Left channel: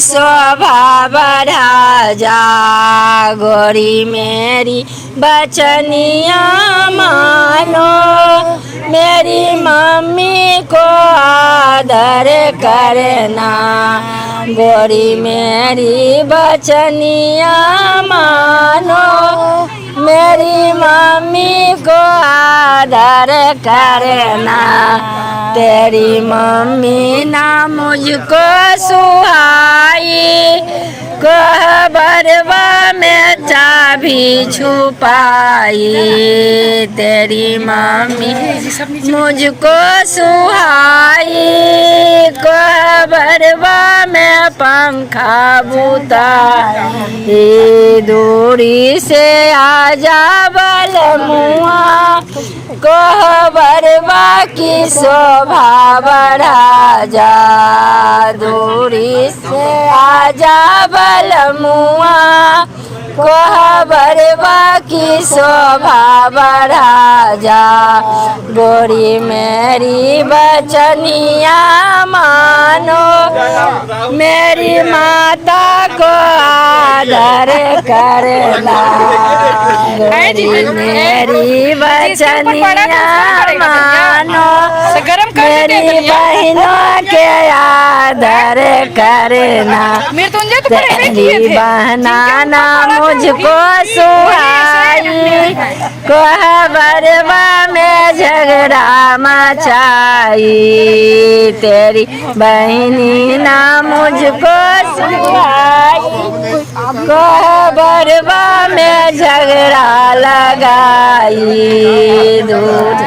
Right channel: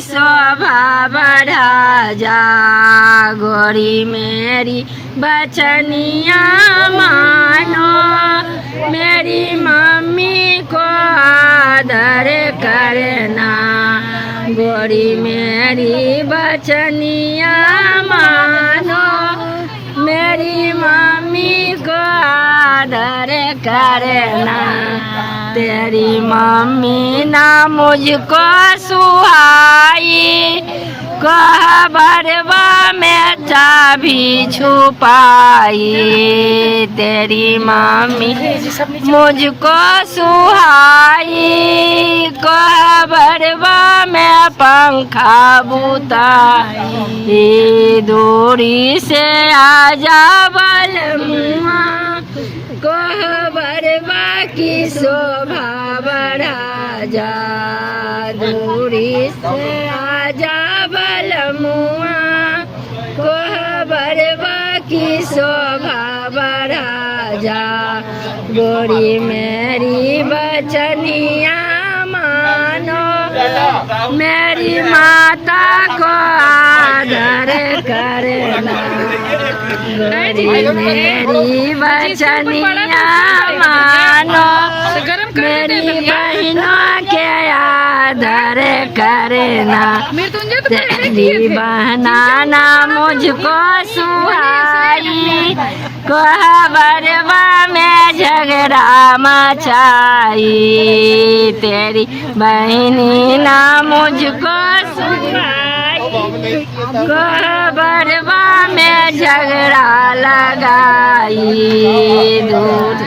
शोभा बढ़ा जा। गोरी मेरी बचनिया मानो, मेरी मम्मी को आदर करना। गोरी मेरी बचनिया मानो, मेरी मम्मी को आदर करना। तेरी मम्मी ना मुझको सुहाई, कोहबरवा में चाबी छुपाई। तेरी मम्मी मुझको सुहाई, कोहबरवा में पंखा बुताई। दूरी से आजा बलमुआ, कोहबरवा की शोभा बढ़ा जा। दूरी से आजा बलमुआ, कोहबरवा की शोभा बढ़ा जा। गोरी मेरी बचनिया मानो, मेरी माता को आदर करना। गोरी मेरी बचनिया मानो, मेरी बहनों के आदर करना। तेरी बहना ना मुझको सुहाई, कोहबरवा में झगड़ा मचाई। तेरी बहनी ना मुझको सुहाई, कोहबरवा में झगड़ा लगाई। दूध